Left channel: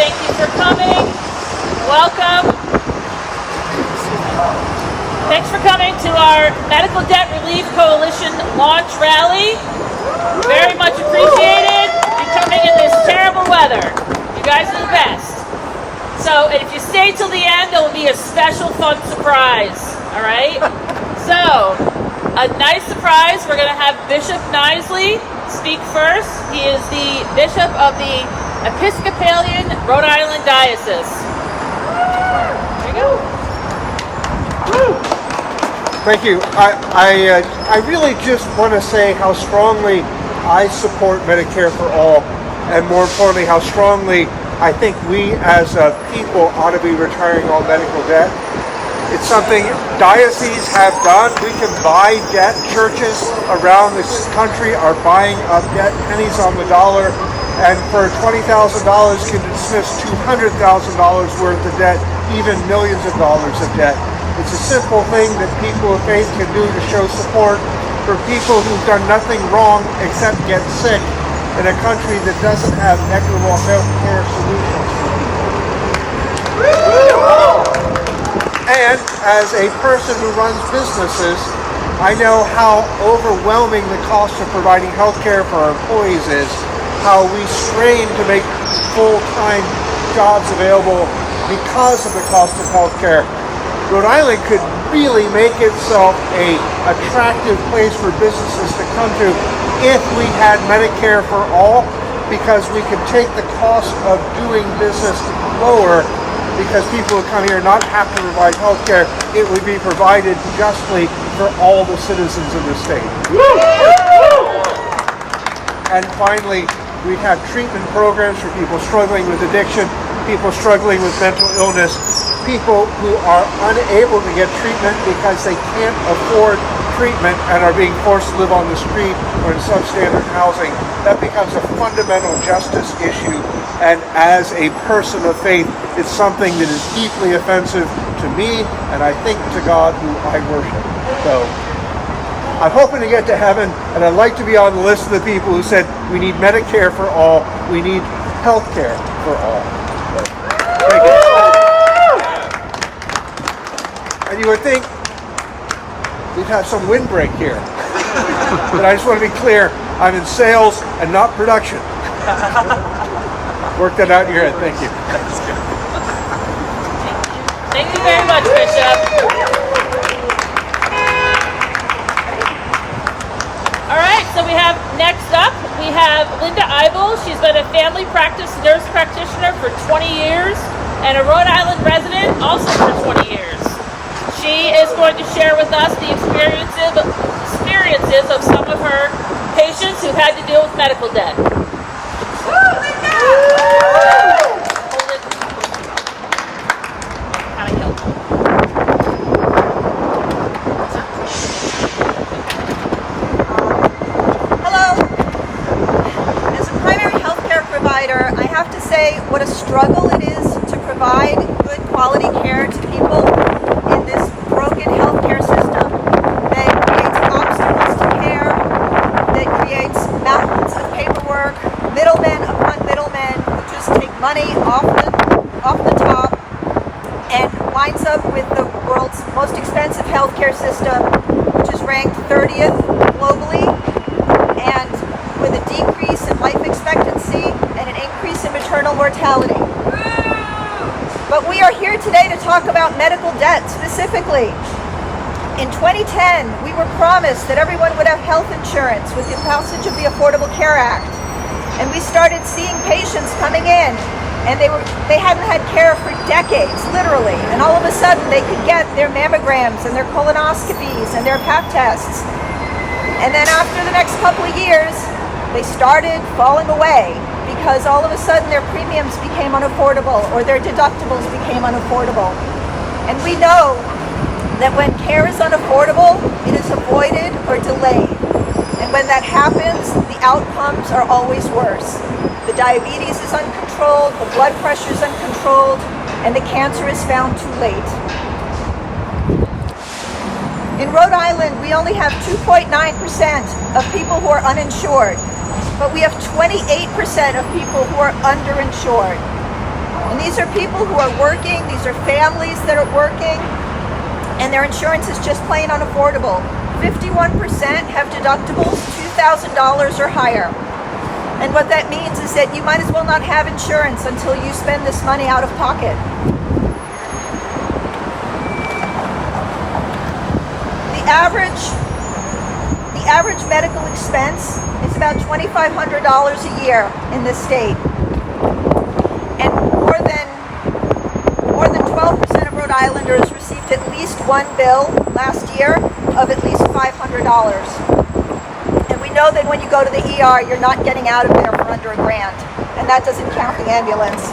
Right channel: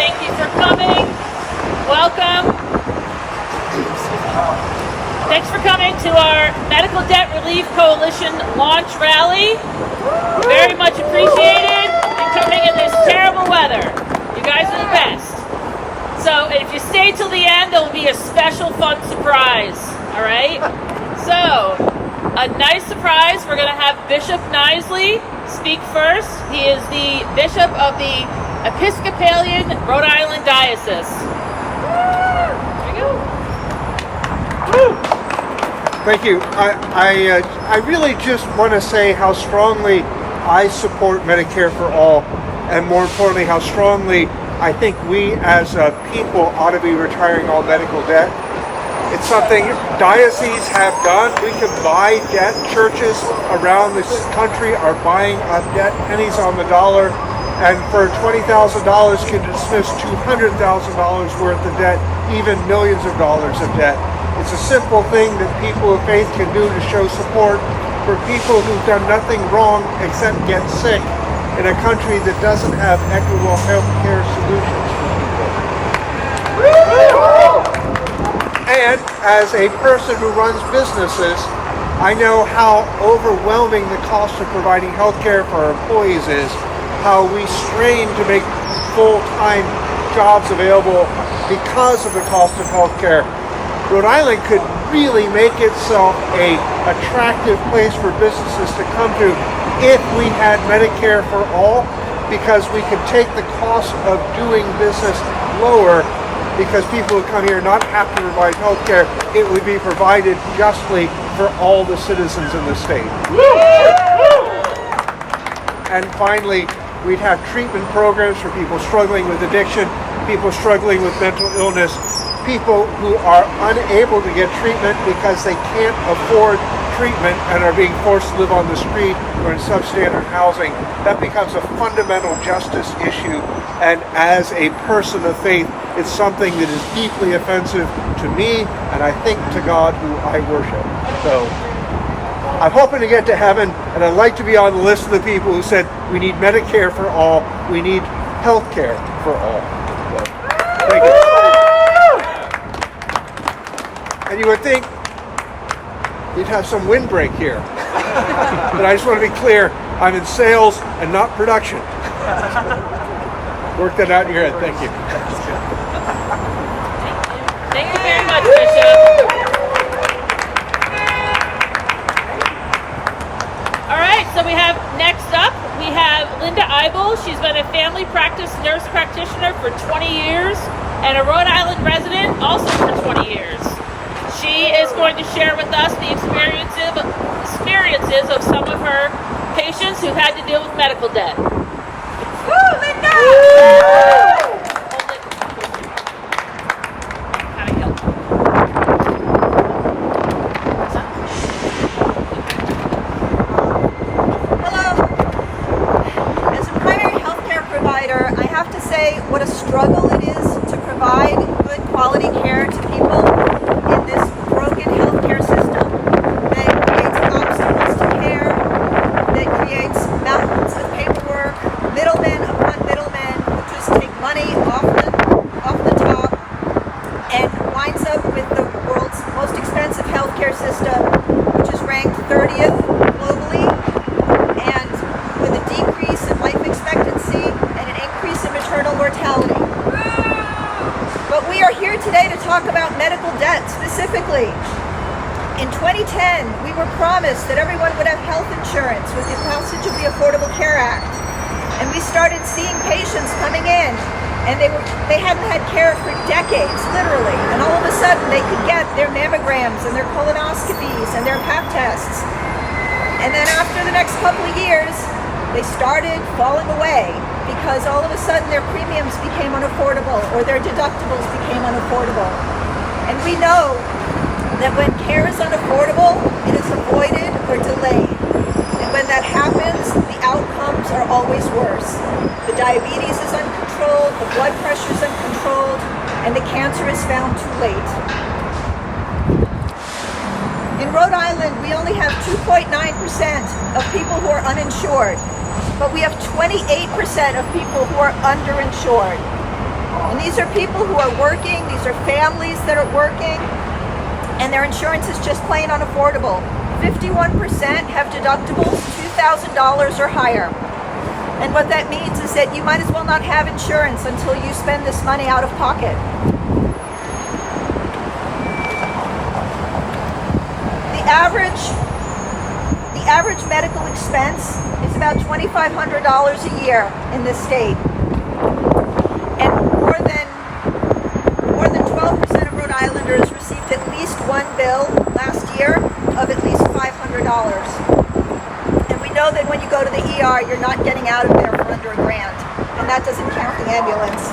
Thank you for coming. Welcome. Thanks for coming to our Medical Debt Relief Coalition launch rally. Very much appreciated. You're coming in this terrible weather. You guys are the best. So if you stay till the end, there will be a special fun surprise. All right? So, a nice surprise. We're going to have Bishop Knisley speak first. He is the Bishop of the Episcopalian Rhode Island Diocese. There you go. Thank you. I really just want to say how strongly I support Medicare for all, and more importantly, how strongly I think we as a people ought to be retiring all medical debt. It's something dioceses have done. We can buy debt. Churches around this country are buying up debt, pennies on the dollar, and for $20,000 can dismiss $200,000 worth of debt, even millions of dollars of debt. It's a simple thing that people of faith can do to show support for people who've done nothing wrong except get sick in a country that doesn't have equitable health care solutions for people. And as a person who runs businesses, I know how overwhelming the cost of providing health care for our employees is, how we strain to make full-time jobs available because of the cost of health care. Rhode Island could really make itself an attractive place for businesses to come to if we had Medicare for all, because we could take the cost of doing business lower, because people who come here not have to provide health care. It would be provided justly for all the citizens in the state. And finally, we'd have treatment programs for people struggling with addiction, people struggling with mental illness, people who are unable to get treatment because they can't afford treatment and are being forced to live on the street or in substandard housing. That becomes a fundamental justice issue, and as a person of faith, it's something that is deeply offensive to me, and I think to God who I worship. So I'm hoping to get to heaven, and I'd like to be on the list of the people who said we need Medicare for all, we need health care for all. So, thank you. And you would think we'd have some windbreak here. But I just want to be clear, I'm in sales and not production. Work that out in your head. Thank you. Thank you very much, Bishop. All right, so we have next up, we have Linda Eibel. She's been a family practice nurse practitioner for 20 years and a Rhode Island resident also for 20 years. She is going to share with us the experiences of some of her patients who had to deal with medical debt. I have to say what a struggle it is to provide good quality care to people in this broken healthcare system that creates obstacles to care, that creates mountains of paperwork, middlemen upon middlemen who just take money off the top, and winds up with the world's most expensive healthcare system, which is ranked 30th globally, and with a decrease in life expectancy and an increase in maternal mortality. But we are here today to talk about medical debt specifically. In 2010, we were promised that everyone would have health insurance with the passage of the Affordable Care Act. And we started seeing patients coming in, and they hadn't had care for decades, literally. And all of a sudden, they could get their mammograms and their colonoscopies and their Pap tests. And then after the next couple of years, they started falling away because all of a sudden their premiums became unaffordable or their deductibles became unaffordable. And we know that when care is unaffordable, it is avoided or delayed. And when that happens, the outcomes are always worse. The diabetes is uncontrolled, the blood pressure is uncontrolled, and the cancer is found too late. In Rhode Island, we only have 2.9% of people who are uninsured, but we have 28% of people who are underinsured. And these are people who are working, these are families that are working, and their insurance is just plain unaffordable. 51% have deductibles $2,000 or higher. And what that means is that you might as well not have insurance until you spend this money out of pocket. The average medical expense is about $2,500 a year in this state. And more than 12% of Rhode Islanders received at least one bill last year of at least $500. And we know that when you go to the ER, you're not getting out of there for under $1,000, and that doesn't count the ambulance.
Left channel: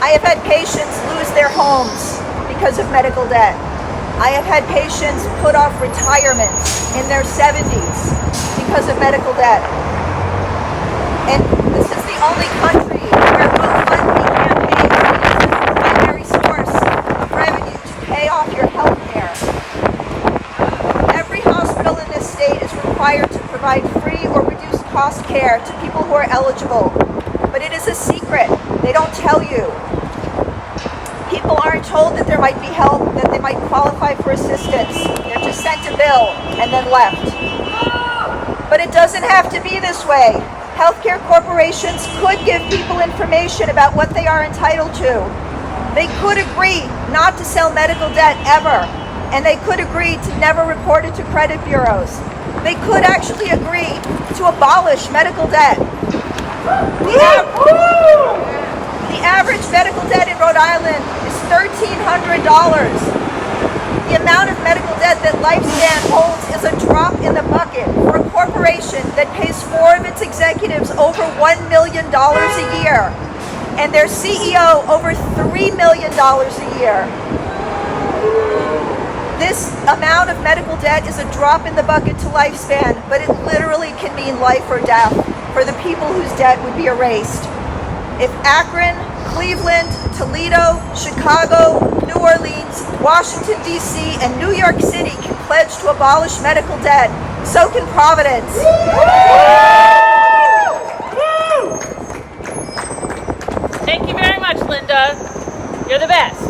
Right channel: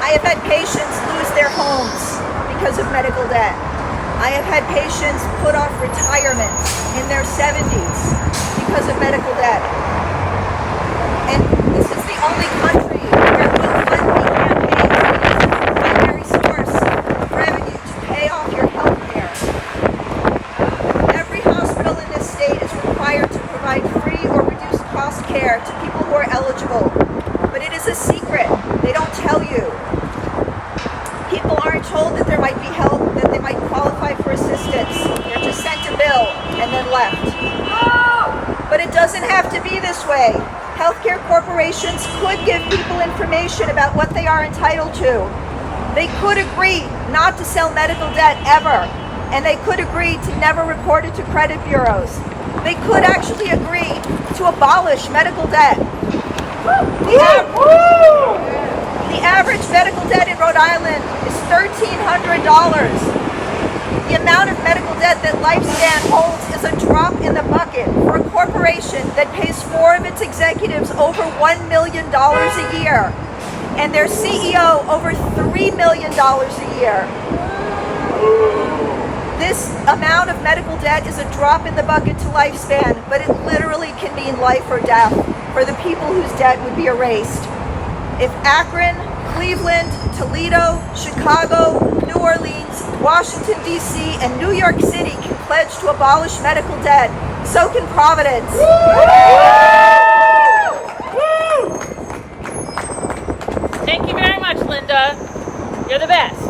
I have had patients lose their homes because of medical debt. I have had patients put off retirement in their 70s because of medical debt. And this is the only country where GoFundMe campaigns are used as the primary source of revenue to pay off your health care. Every hospital in this state is required to provide free or reduced cost care to people who are eligible. But it is a secret. They don't tell you. People aren't told that there might be help, that they might qualify for assistance. They're just sent a bill and then left. But it doesn't have to be this way. Healthcare corporations could give people information about what they are entitled to. They could agree not to sell medical debt ever, and they could agree to never report it to credit bureaus. They could actually agree to abolish medical debt. The average medical debt in Rhode Island is $1,300. The amount of medical debt that Lifespan holds is a drop in the bucket for a corporation that pays 4 of its executives over $1 million a year, and their CEO over $3 million a year. This amount of medical debt is a drop in the bucket to Lifespan, but it literally can mean life or death for the people whose debt would be erased. If Akron, Cleveland, Toledo, Chicago, New Orleans, Washington, D.C., and New York City can pledge to abolish medical debt, so can Providence. Thank you very much, Linda. You're the best.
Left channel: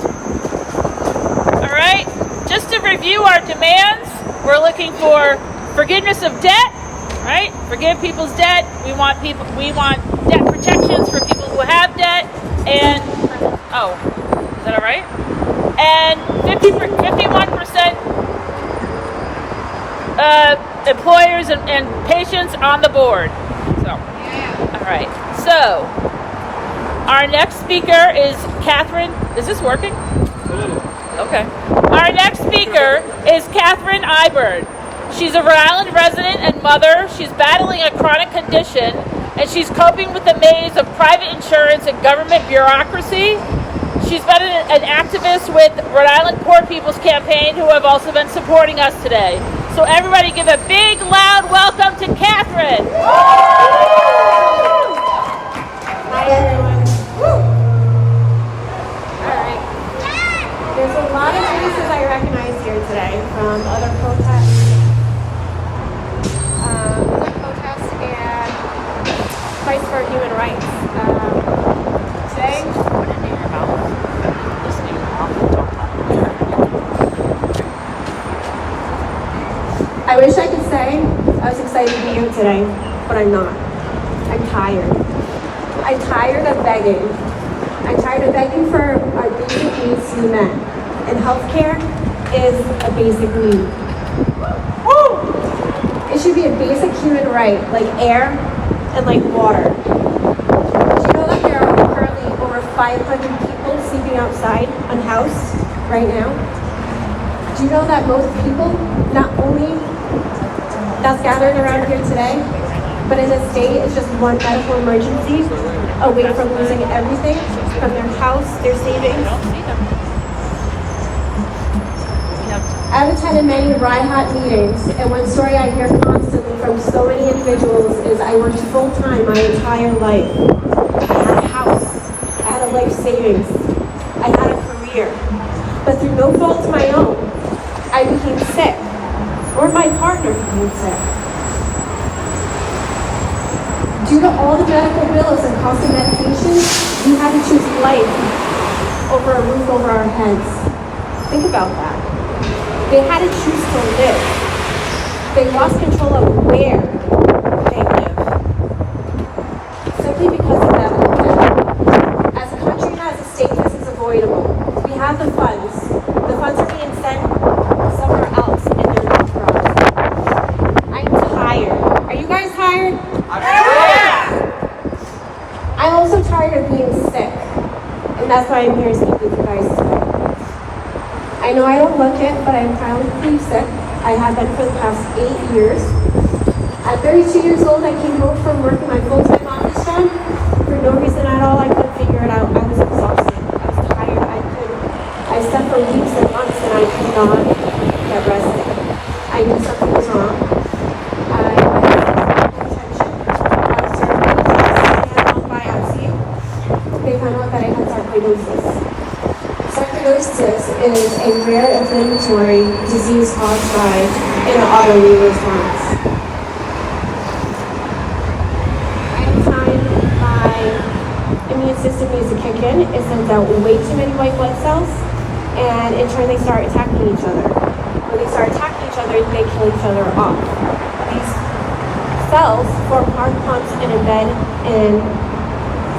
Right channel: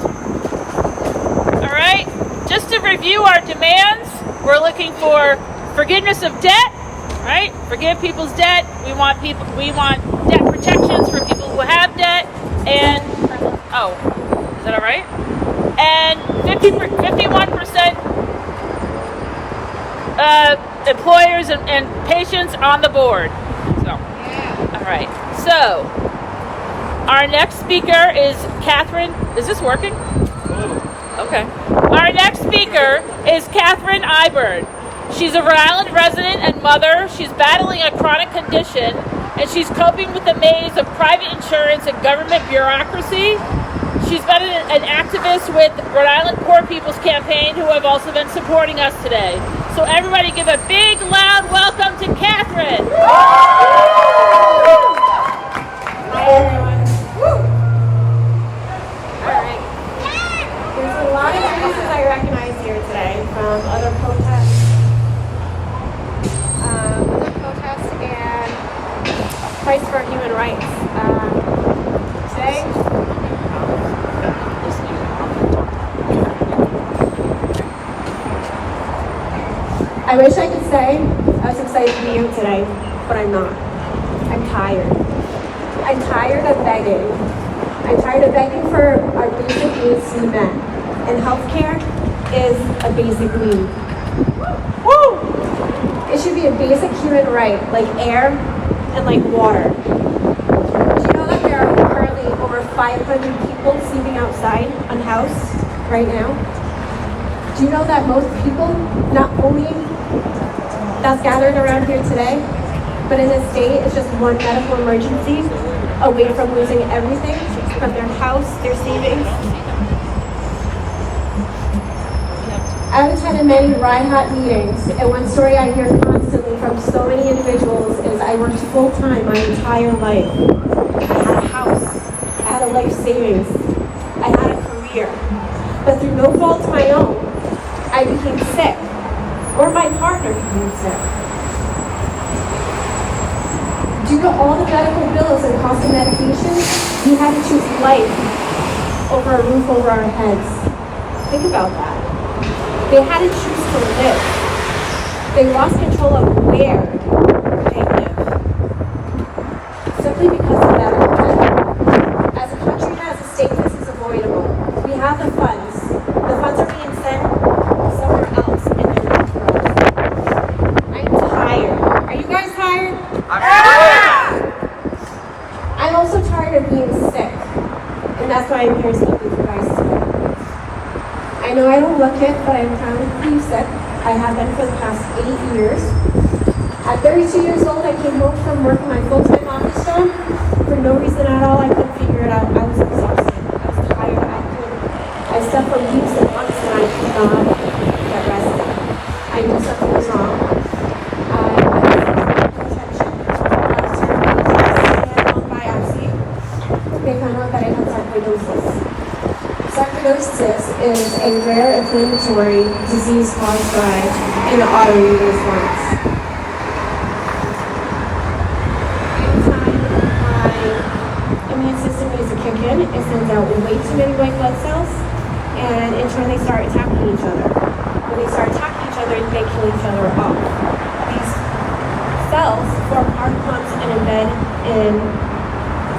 All right, just to review our demands, we're looking for forgiveness of debt, right? Forgive people's debt. We want debt protections for people who have debt, and is that all right? And 51% employers and patients on the board. So, all right. So, our next speaker is Catherine. Is this working? Okay. Our next speaker is Catherine Iberd. She's a Rhode Island resident and mother. She's battling a chronic condition, and she's coping with the maze of private insurance and government bureaucracy. She's been an activist with Rhode Island Poor People's Campaign, who have also been supporting us today. So everybody give a big, loud welcome to Catherine. Hi, everyone. Woo! All right. There's a lot of faces I recognize here today from other protests. And fights for human rights. Today, I wish I could say I was excited to be here today, but I'm not. I'm tired. I'm tired of begging. I'm tired of begging for our basic needs to be met. And healthcare is a basic need. Woo! It should be a basic human right, like air and like water. Do you know that there are currently over 500 people sleeping outside unhoused right now? Do you know that most people, not only that's gathered around here today, but in this state is just one medical emergency away from losing everything, from their house, their savings? I've attended many hot meetings, and one story I hear constantly from so many individuals is I worked full-time my entire life. I had a house, I had a life savings, I had a career, but through no fault of my own, I became sick, or my partner became sick. Due to all the medical bills and cost of medication, we had to choose life over a roof over our heads. Think about that. They had to choose to live. They lost control of where they live. Simply because of medical debt. As a country and as a state, this is avoidable. We have the funds. The funds are being sent somewhere else and they're not for us. I'm tired. Are you guys tired? I'm also tired of being sick. And that's why I'm here to speak with you guys today. I know I don't look it, but I'm chronically sick. I have been for the past 8 years. At 32 years old, I came home from working my full-time office job. For no reason at all, I couldn't figure it out. I was exhausted. I was tired. I slept for weeks and months and I could not get rested. I knew something was wrong. I was biopsy. They found out that I had sarcoidosis. Sarcoidosis is a rare inflammatory disease caused by an autoimmune response. Anytime my immune system needs to kick in, it sends out way too many white blood cells, and in turn they start attacking each other. When they start attacking each other, they kill each other off. These cells form heart pumps and embed in.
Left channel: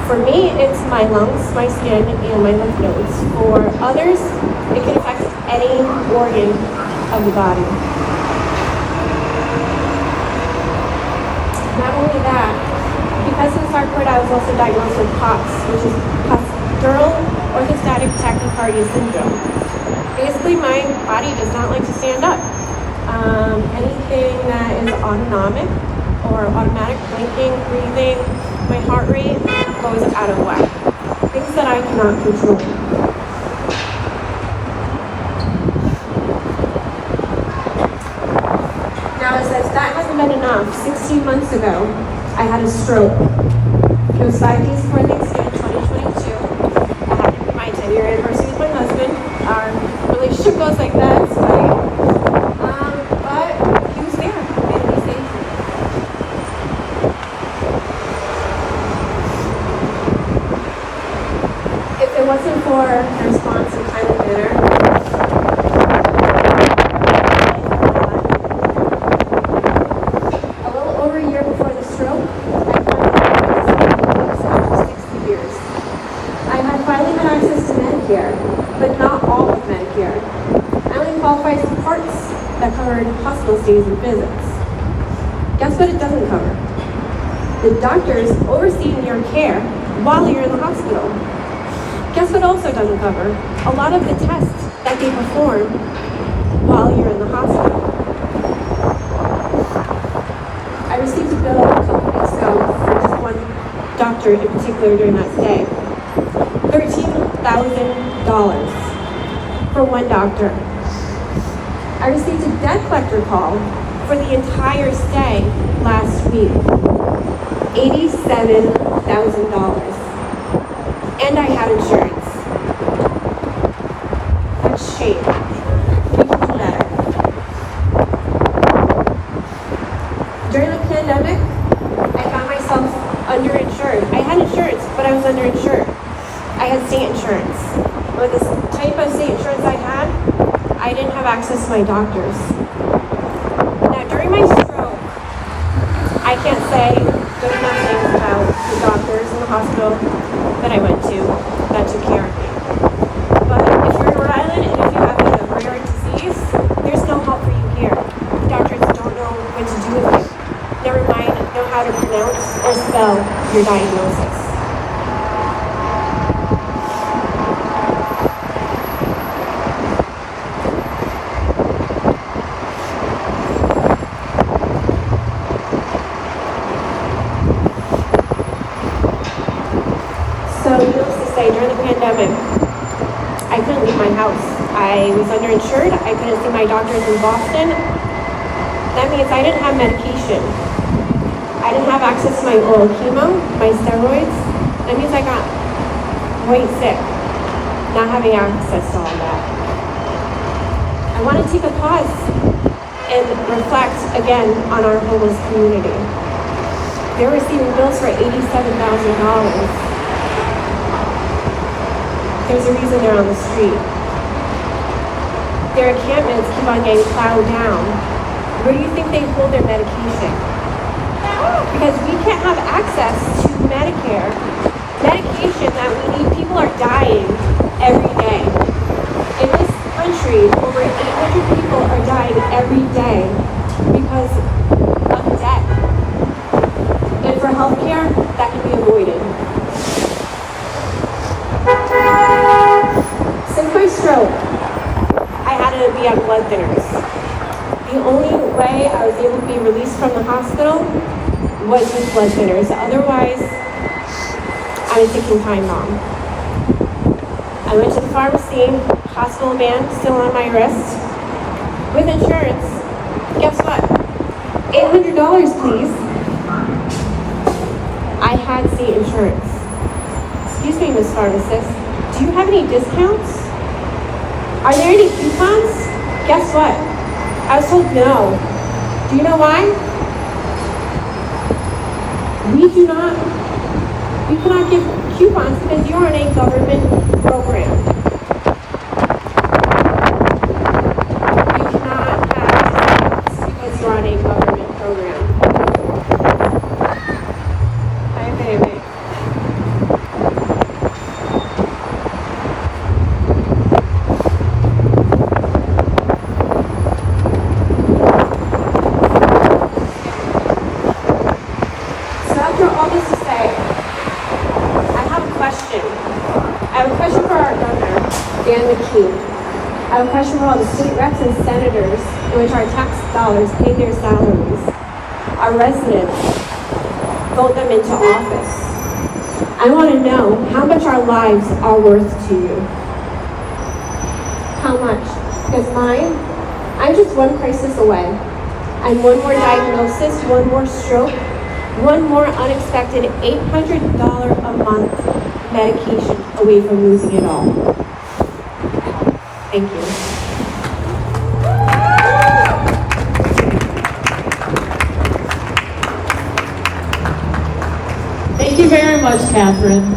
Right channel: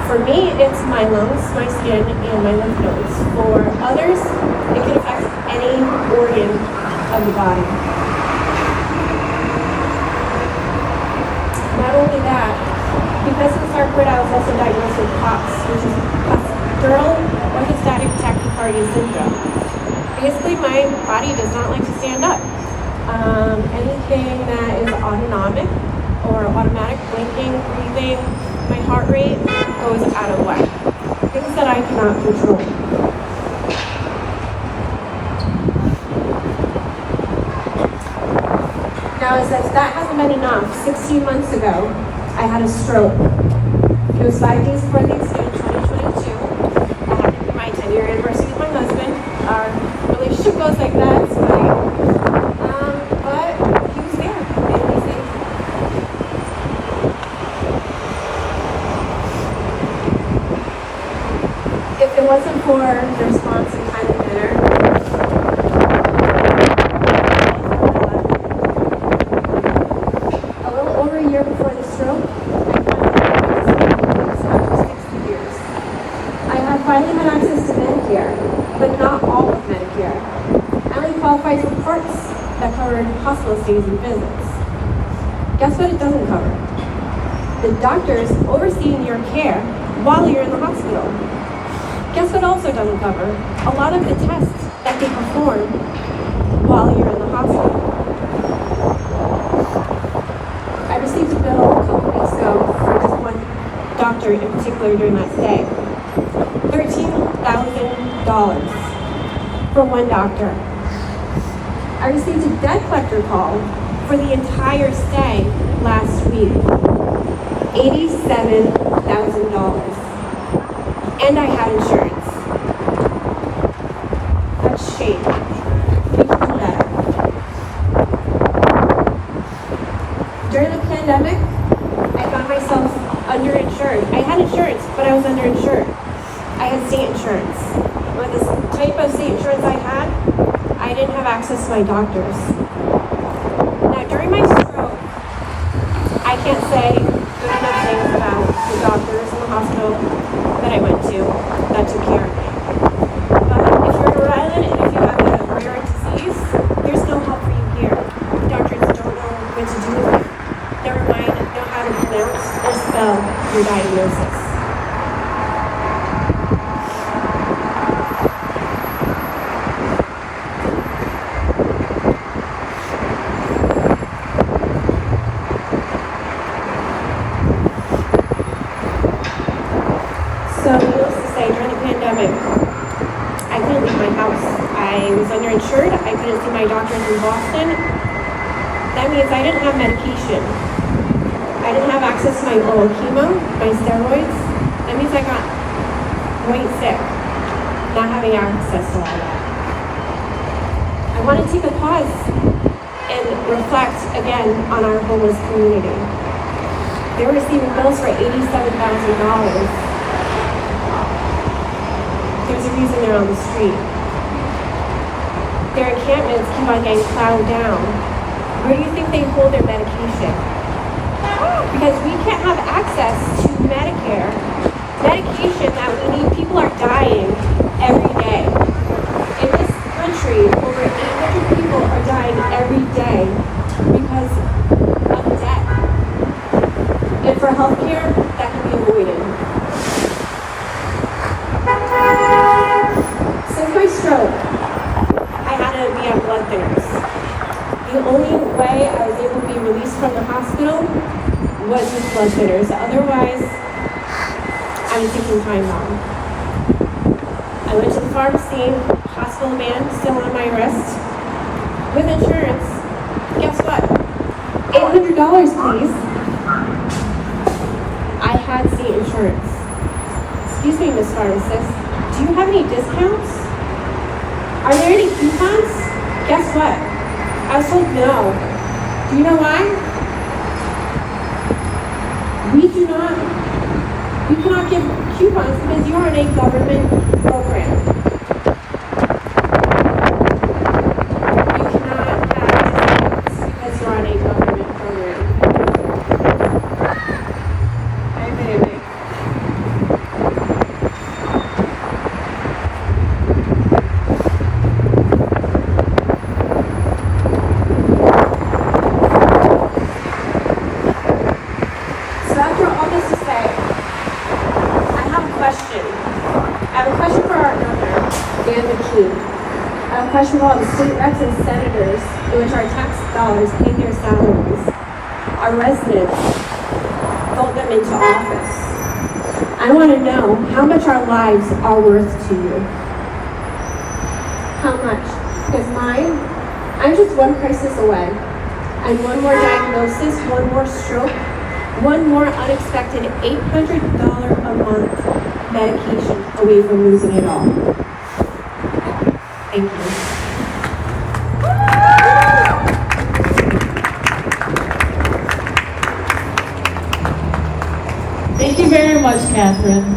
For me, it's my lungs, my skin, and my lymph nodes. For others, it can affect any organ of the body. Not only that, because of the sarcoid, I was also diagnosed with POTS, which is postural orthostatic tachycardia syndrome. Basically, my body does not like to stand up. Anything that is autonomic or automatic, blinking, breathing, my heart rate goes out of whack. Things that I cannot control. Now, as if that hasn't been enough, 16 months ago, I had a stroke. It was 5 days before Thanksgiving 2022. I had my 10-year anniversary with my husband. Our relationship goes like that. It's funny. But he was there. Made me safe. If it wasn't for the response and kindly manner, a little over a year before the stroke, I finally after 60 years. I have finally had access to Medicare, but not all of Medicare. I only qualified for parts that covered hospital stays and visits. Guess what it doesn't cover? The doctors overseeing your care while you're in the hospital. Guess what also doesn't cover? A lot of the tests that they perform while you're in the hospital. I received a bill a couple weeks ago for just one doctor in particular during that stay. $13,000 for one doctor. I received a debt collector call for the entire stay last week. $87,000. And I had insurance. That's shame. People do better. During the pandemic, I found myself underinsured. I had insurance, but I was underinsured. I had state insurance. With the type of state insurance I had, I didn't have access to my doctors. Now, during my stroke, I can't say good enough things about the doctors in the hospital that I went to that took care of me. But if you're in Rhode Island and if you have a rare disease, there's no help for you here. The doctors don't know what to do with you. Never mind know how to pronounce or spell your diagnosis. So needless to say, during the pandemic, I couldn't leave my house. I was underinsured. I couldn't see my doctors in Boston. That means I didn't have medication. I didn't have access to my oral chemo, my steroids. That means I got quite sick, not having access to all that. I want to take a pause and reflect again on our homeless community. they're receiving bills for $87,000. There's a reason they're on the street. Their encampments keep on getting plowed down. Where do you think they hold their medication? Because we can't have access to Medicare, medication that we need. People are dying every day. In this country, over 800 people are dying every day because of debt. And for healthcare, that can be avoided. Since my stroke, I had to be on blood thinners. The only way I was able to be released from the hospital was with blood thinners. Otherwise, I was taking time bomb. I went to the pharmacy, hospital band still on my wrist. With insurance, guess what? $800, please. I had state insurance. Excuse me, Miss Pharmacist, do you have any discounts? Are there any coupons? Guess what? I was told no. Do you know why? We cannot give coupons because you're on a government program. You cannot have discounts because you're on a government program. Hi, baby. I have a question for all the state reps and senators in which our tax dollars pay their salaries. Our residents vote them into office. I want to know how much our lives are worth to you. How much? Because mine, I'm just one crisis away. And one more diagnosis, one more stroke, one more unexpected $800 a month medication away from losing it all. Thank you. Thank you very much, Catherine.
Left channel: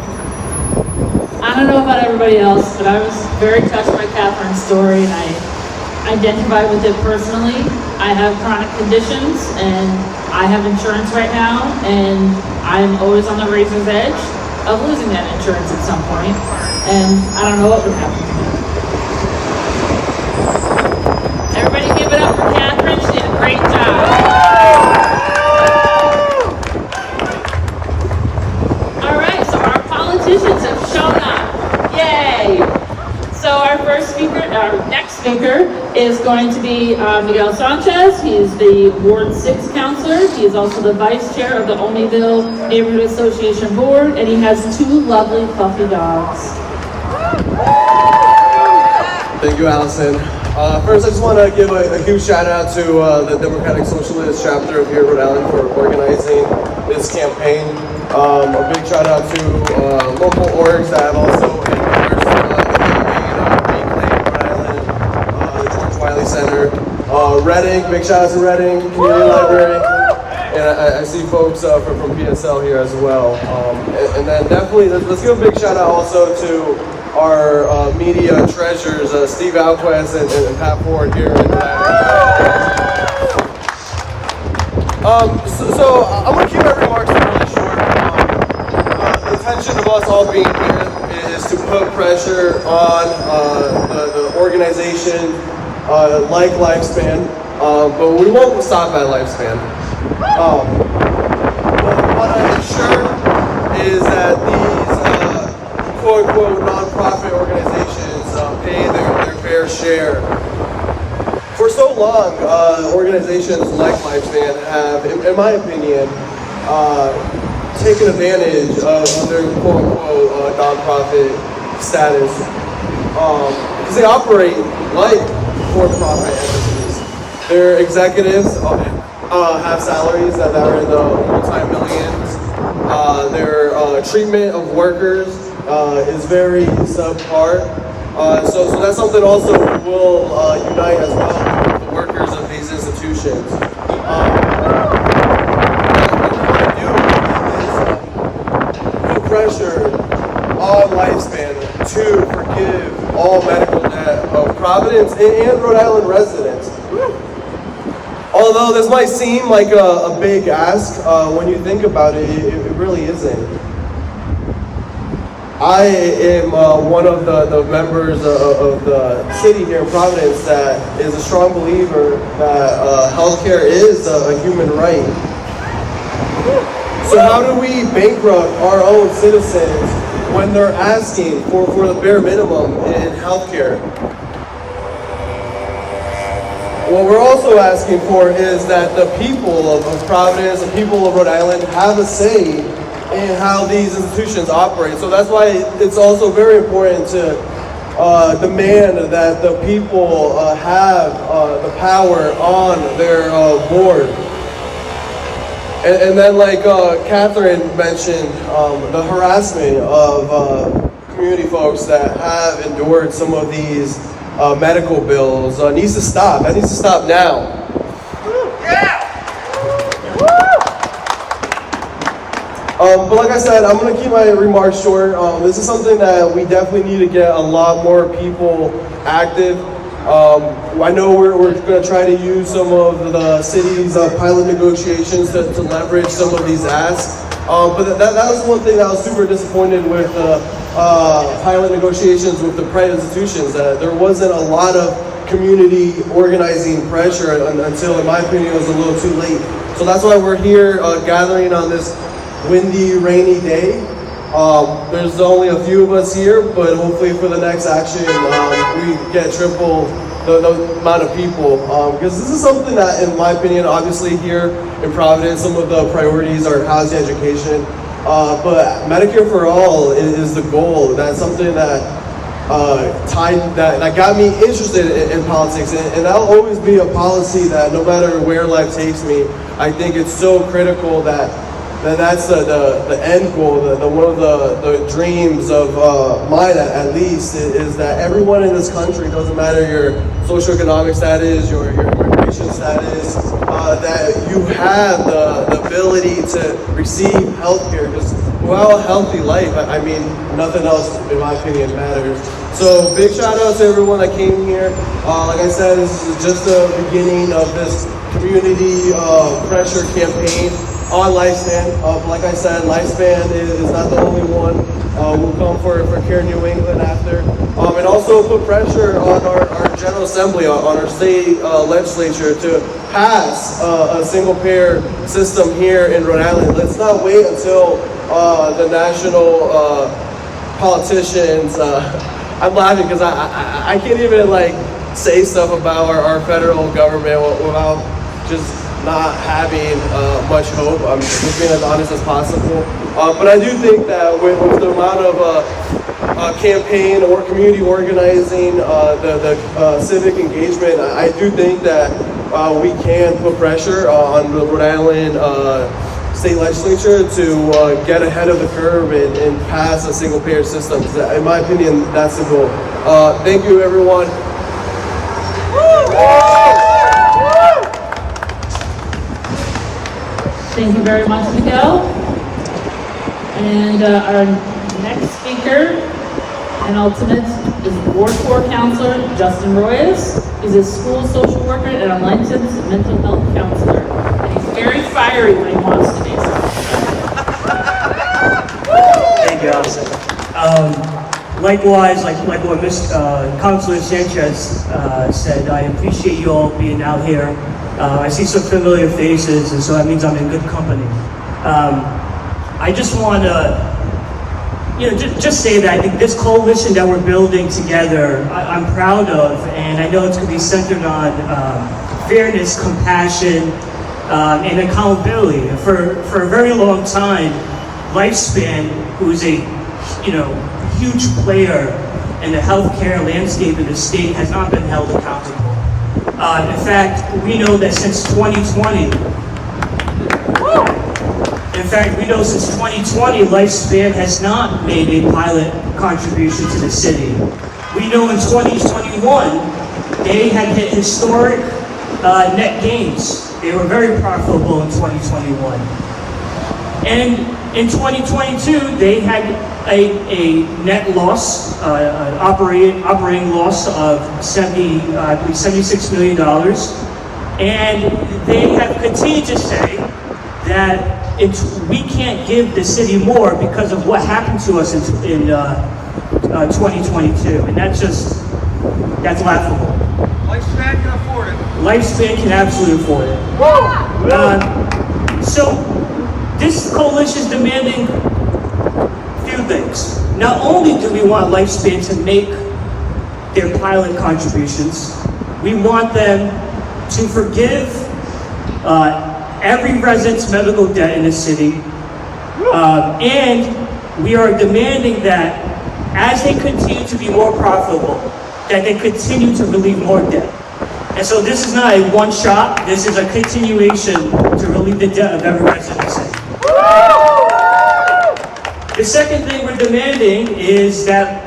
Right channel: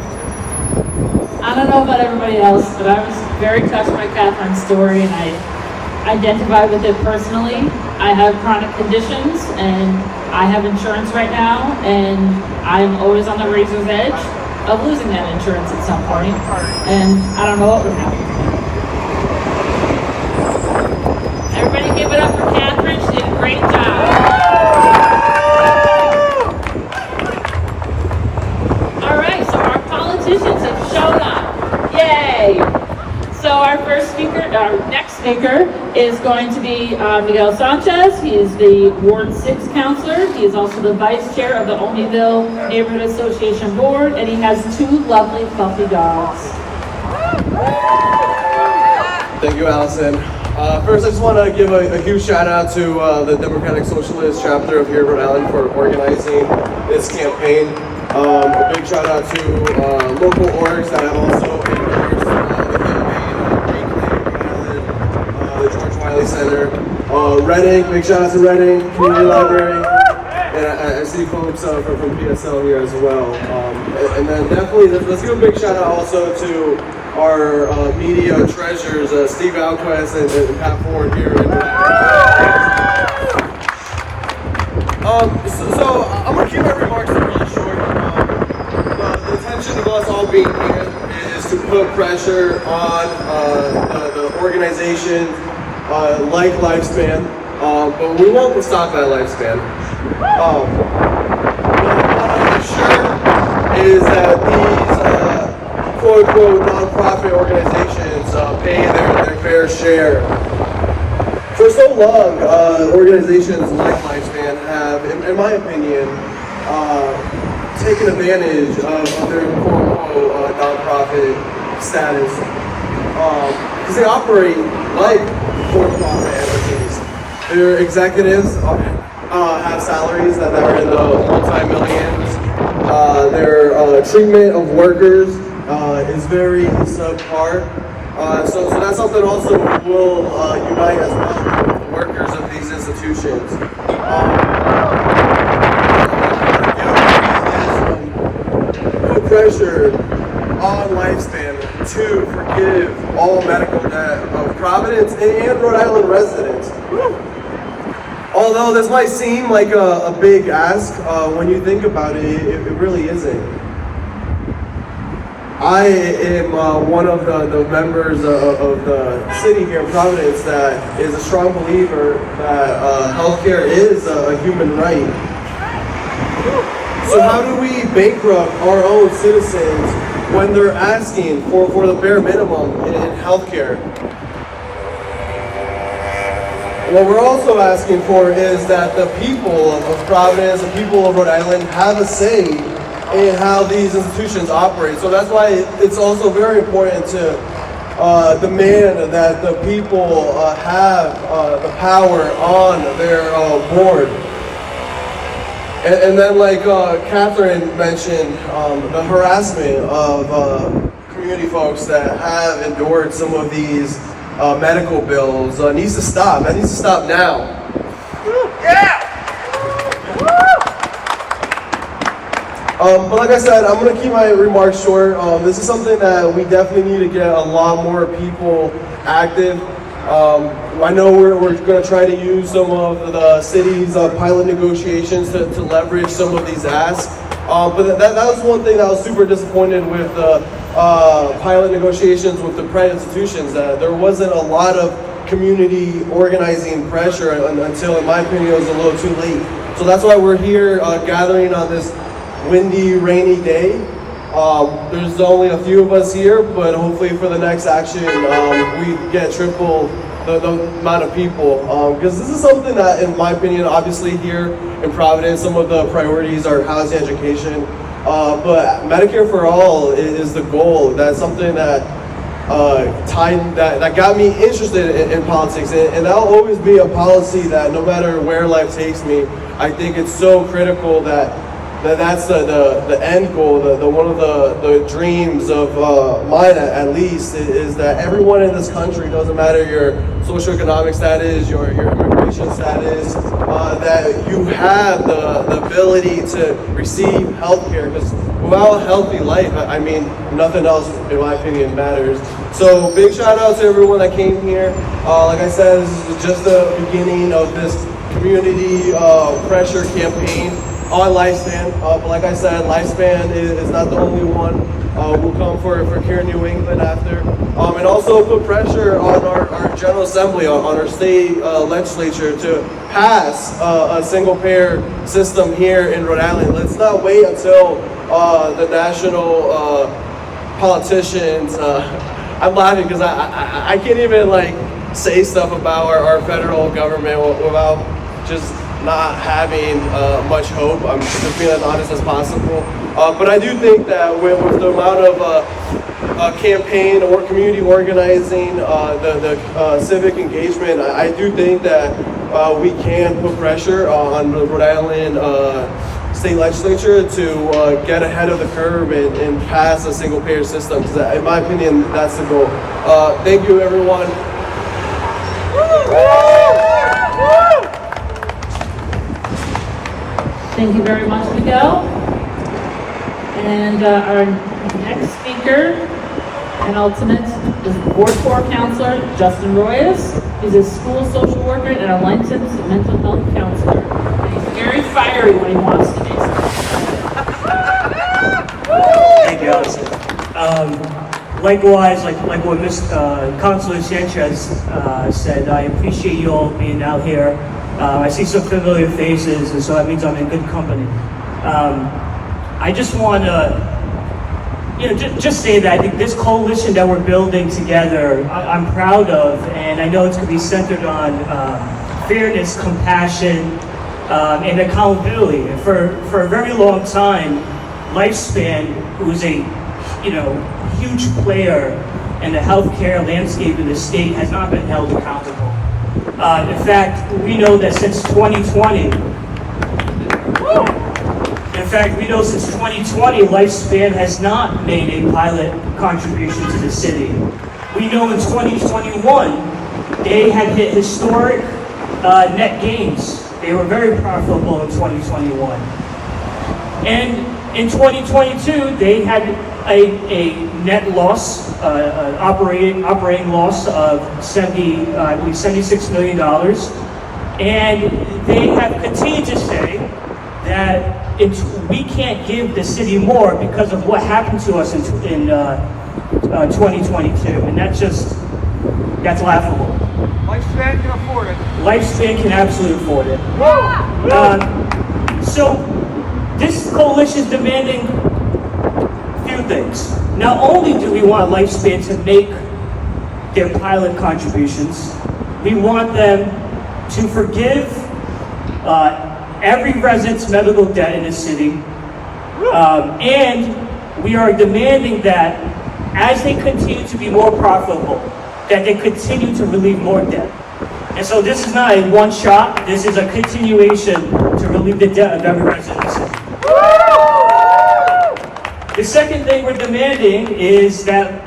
I don't know about everybody else, but I was very touched by Catherine's story, and I identify with it personally. I have chronic conditions, and I have insurance right now, and I'm always on the razor's edge of losing that insurance at some point, and I don't know what would happen. Everybody give it up for Catherine. She did a great job. All right, so our politicians have shown up. Yay! So our next speaker is going to be Miguel Sanchez. He is the Ward 6 counselor. He is also the vice chair of the Olneyville Neighborhood Association Board, and he has two lovely fluffy dogs. Thank you, Allison. First, I just want to give a huge shout out to the Democratic Socialist chapter of here in Rhode Island for organizing this campaign. A big shout out to local orgs that have also endorsed the campaign, Rhode Island, the George Wiley Center, Reading, big shout out to Reading Community Library, and I see folks from PSL here as well. And then definitely, let's give a big shout out also to our media treasures, Steve Alquist and Pat Ford here. So I'm going to keep my remarks really short. The intention of us all being here is to put pressure on the organization like Lifespan, but we won't stop at Lifespan. What I'm sure is that these quote-unquote nonprofit organizations pay their fair share. For so long, organizations like Lifespan have, in my opinion, taken advantage of their quote-unquote nonprofit status because they operate like for-profit entities. Their executives have salaries that are in the multi-millions. Their treatment of workers is very subpar. So that's something also will unite as well with the workers of these institutions. pressure on Lifespan to forgive all medical debt of Providence and Rhode Island residents. Although this might seem like a big ask, when you think about it, it really isn't. I am one of the members of the city here in Providence that is a strong believer that healthcare is a human right. So how do we bankrupt our own citizens when they're asking for the bare minimum in healthcare? What we're also asking for is that the people of Providence, the people of Rhode Island have a say in how these institutions operate. So that's why it's also very important to demand that the people have the power on their board. And then like Catherine mentioned, the harassment of community folks that have endured some of these medical bills needs to stop. That needs to stop now. But like I said, I'm going to keep my remarks short. This is something that we definitely need to get a lot more people active. I know we're going to try to use some of the city's pilot negotiations to leverage some of these asks. But that was one thing that I was super disappointed with pilot negotiations with the private institutions, that there wasn't a lot of community organizing pressure until, in my opinion, it was a little too late. So that's why we're here gathering on this windy, rainy day. There's only a few of us here, but hopefully for the next action, we get triple the amount of people. Because this is something that, in my opinion, obviously here in Providence, some of the priorities are housing, education, but Medicare for all is the goal. That's something that that got me interested in politics, and that'll always be a policy that no matter where life takes me, I think it's so critical that's the end goal, one of the dreams of mine at least, is that everyone in this country, doesn't matter your socioeconomic status, your immigration status, that you have the ability to receive health care, because without a healthy life, I mean, nothing else, in my opinion, matters. So big shout out to everyone that came here. Like I said, this is just the beginning of this community pressure campaign on Lifespan. But like I said, Lifespan is not the only one. We'll come for Care New England after. And also put pressure on our General Assembly, on our state legislature to pass a single payer system here in Rhode Island. Let's not wait until the national politicians, I'm laughing because I can't even like say stuff about our federal government without just not having much hope. I'm just being as honest as possible. But I do think that with the amount of campaign or community organizing, the civic engagement, I do think that we can put pressure on the Rhode Island state legislature to get ahead of the curve and pass a single payer system. Because in my opinion, that's the goal. Thank you, everyone. Thank you very much, Miguel. And our next speaker and ultimate is Ward 4 Counselor Justin Royas. He's a school social worker and a licensed mental health counselor. And he's very fiery when he wants to be. Thank you, Allison. Likewise, like what Ms. Councilor Sanchez said, I appreciate you all being out here. I see some familiar faces, and so that means I'm in good company. I just want to, just say that I think this coalition that we're building together, I'm proud of, and I know it's going to be centered on fairness, compassion, and accountability. For a very long time, Lifespan, who is a huge player in the healthcare landscape in the state, has not been held accountable. In fact, we know that since 2020, Lifespan has not made a pilot contribution to the city. We know in 2021, they had hit historic net gains. They were very profitable in 2021. And In 2022, they had a net loss, operating loss of $76 million. And they have continued to say that we can't give the city more because of what happened to us in 2022. And that's laughable. Lifespan can afford it. Lifespan can absolutely afford it. So this coalition is demanding a few things. Not only do we want Lifespan to make their pilot contributions, we want them to forgive every resident's medical debt in the city. And we are demanding that as they continue to be more profitable, that they continue to relieve more debt. And so this is not a one shot, this is a continuation to relieve the debt of every resident in the city. The second thing we're demanding is that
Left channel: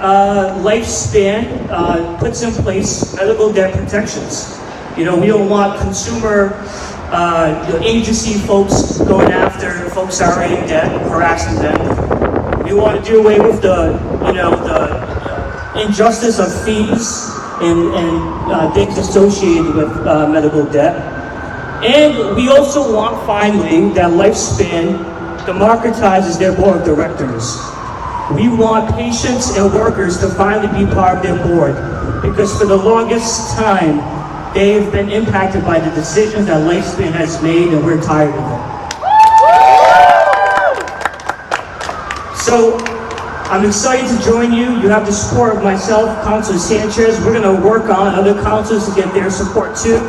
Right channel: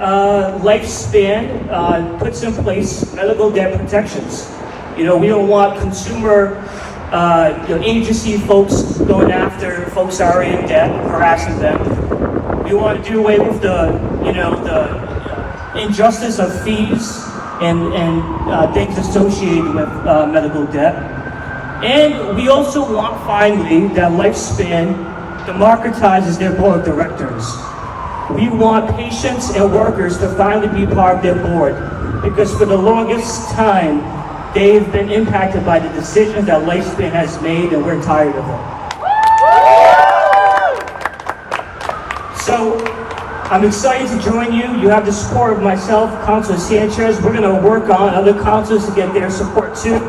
Lifespan puts in place medical debt protections. You know, we don't want consumer agency folks going after folks that are in debt, harassing them. You want to do away with the injustice of fees and things associated with medical debt. And we also want, finally, that Lifespan democratizes their board of directors. We want patients and workers to finally be part of their board, because for the longest time, they've been impacted by the decisions that Lifespan has made, and we're tired of them. So, I'm excited to join you. You have the support of myself, Councilor Sanchez. We're going to work on other councilors to get their support too.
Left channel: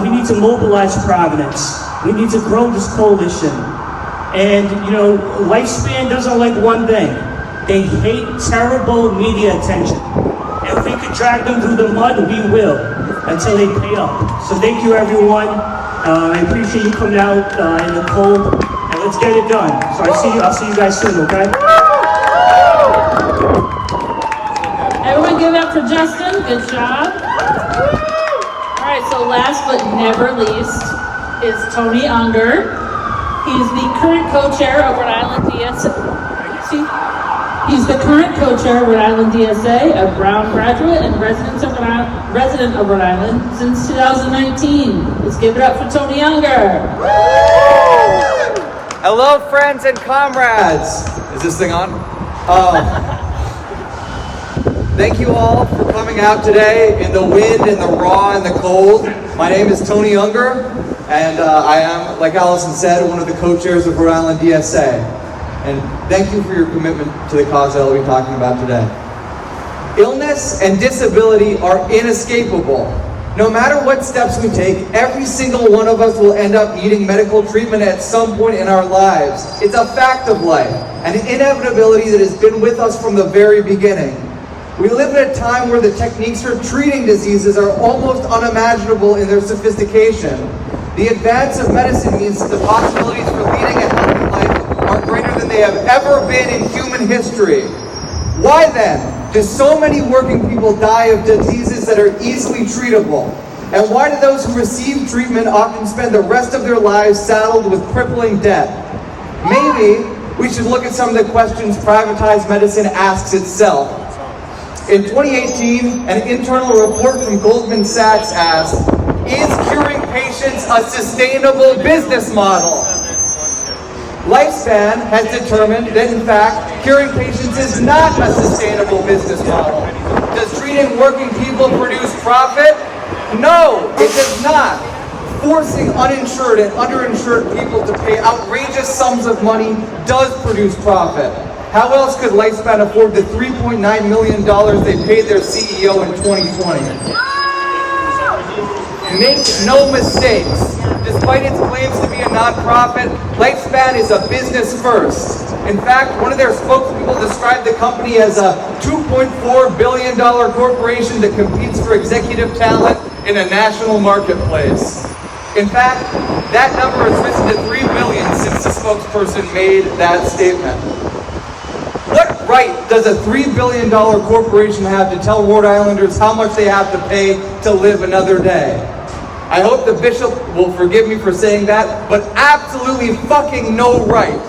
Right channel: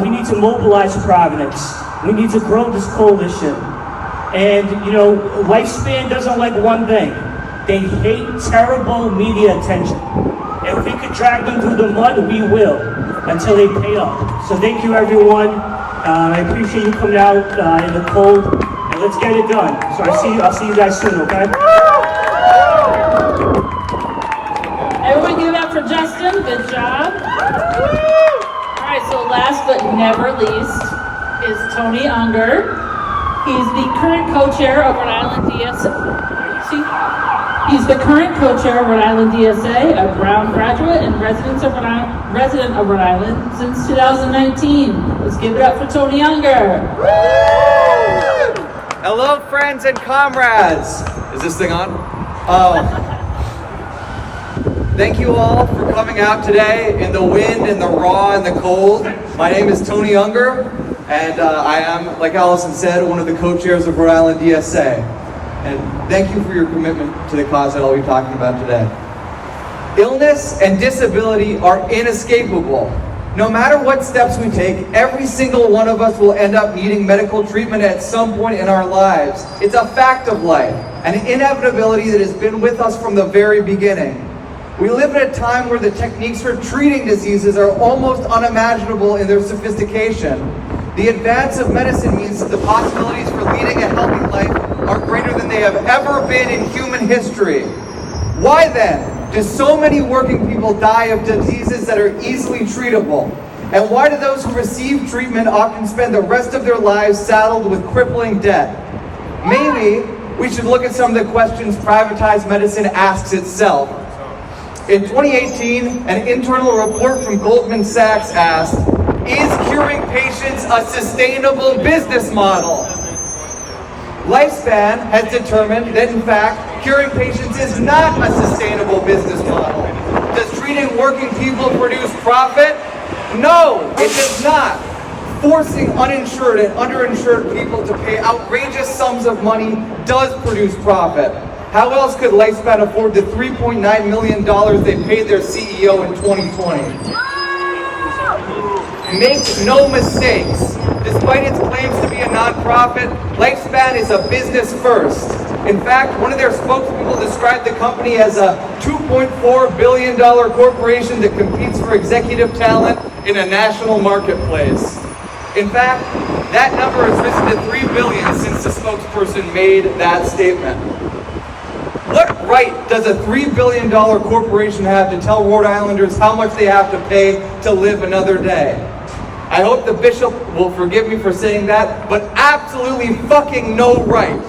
We need to mobilize Providence. We need to grow this coalition. And, you know, Lifespan doesn't like one thing. They hate terrible media attention. And if we could drag them through the mud, we will, until they pay up. So thank you, everyone. I appreciate you coming out in the cold. And let's get it done. So I'll see you guys soon, okay? Everyone give it up for Justin. Good job. All right, so last but never least is Tony Unger. He's the current co-chair of Rhode Island DSA. He's the current co-chair of Rhode Island DSA, a Brown graduate and resident of Rhode Island since 2019. Let's give it up for Tony Unger. Hello, friends and comrades. Is this thing on? Thank you all for coming out today in the wind, in the raw, and the cold. My name is Tony Unger, and I am, like Allison said, one of the co-chairs of Rhode Island DSA. And thank you for your commitment to the cause that I'll be talking about today. Illness and disability are inescapable. No matter what steps we take, every single one of us will end up needing medical treatment at some point in our lives. It's a fact of life, an inevitability that has been with us from the very beginning. We live at a time where the techniques for treating diseases are almost unimaginable in their sophistication. The advance of medicine means that the possibilities for leading a healthy life are greater than they have ever been in human history. Why then do so many working people die of diseases that are easily treatable? And why do those who receive treatment often spend the rest of their lives saddled with crippling debt? Maybe we should look at some of the questions privatized medicine asks itself. In 2018, an internal report from Goldman Sachs asked, is curing patients a sustainable business model? Lifespan has determined that, in fact, curing patients is not a sustainable business model. Does treating working people produce profit? No, it does not. Forcing uninsured and underinsured people to pay outrageous sums of money does produce profit. How else could Lifespan afford the $3.9 million they paid their CEO in 2020? Make no mistakes. Despite its claims to be a nonprofit, Lifespan is a business first. In fact, one of their spokespeople described the company as a $2.4 billion corporation that competes for executive talent in a national marketplace. In fact, that number has risen to $3 billion since the spokesperson made that statement. What right does a $3 billion corporation have to tell Rhode Islanders how much they have to pay to live another day? I hope the bishop will forgive me for saying that, but absolutely fucking no right.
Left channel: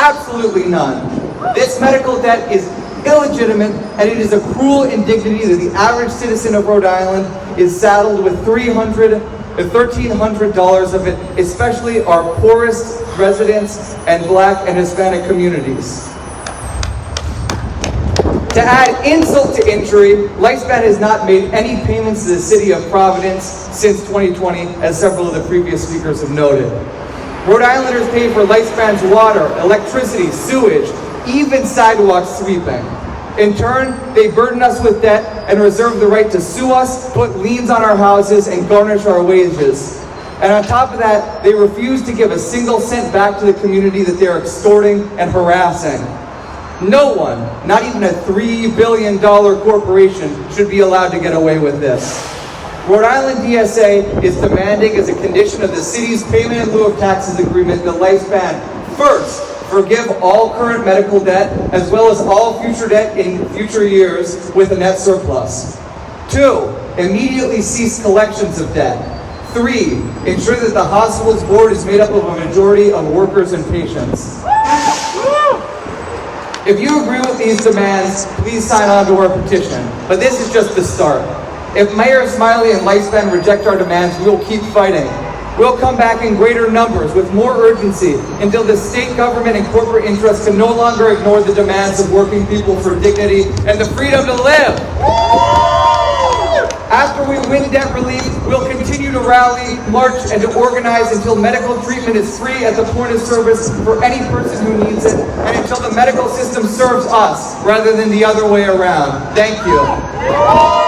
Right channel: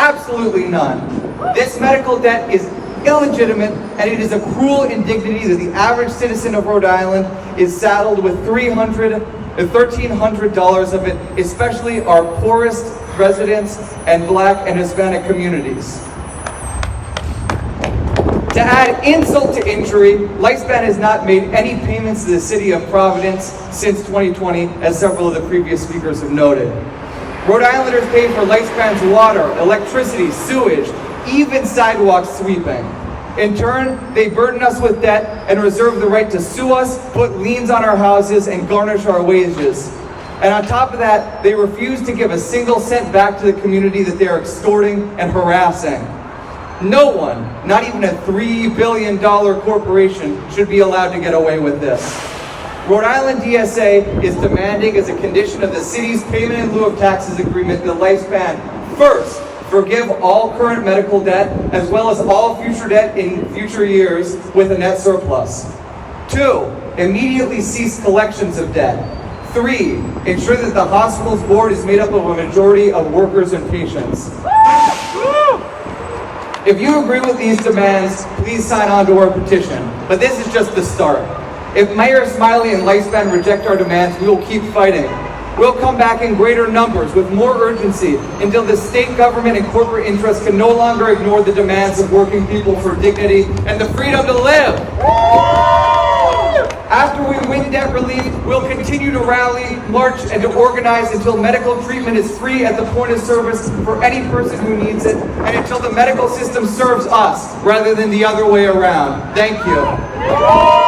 Absolutely none. This medical debt is illegitimate, and it is a cruel indignity that the average citizen of Rhode Island is saddled with $1,300 of it, especially our poorest residents and Black and Hispanic communities. To add insult to injury, Lifespan has not made any payments to the city of Providence since 2020, as several of the previous speakers have noted. Rhode Islanders pay for Lifespan's water, electricity, sewage, even sidewalk sweeping. In turn, they burden us with debt and reserve the right to sue us, put liens on our houses, and garnish our wages. And on top of that, they refuse to give a single cent back to the community that they are extorting and harassing. No one, not even a $3 billion corporation, should be allowed to get away with this. Rhode Island DSA is demanding, as a condition of the city's payment in lieu of taxes agreement, that Lifespan first forgive all current medical debt, as well as all future debt in future years with a net surplus. 2, immediately cease collections of debt. 3, ensure that the hospital's board is made up of a majority of workers and patients. If you agree with these demands, please sign on to our petition. But this is just the start. If Mayor Smiley and Lifespan reject our demands, we will keep fighting. We'll come back in greater numbers with more urgency until the state government and corporate interests can no longer ignore the demands of working people for dignity and the freedom to live. After we win debt relief, we'll continue to rally, march, and to organize until medical treatment is free at the point of service for any person who needs it, and until the medical system serves us rather than the other way around. Thank you.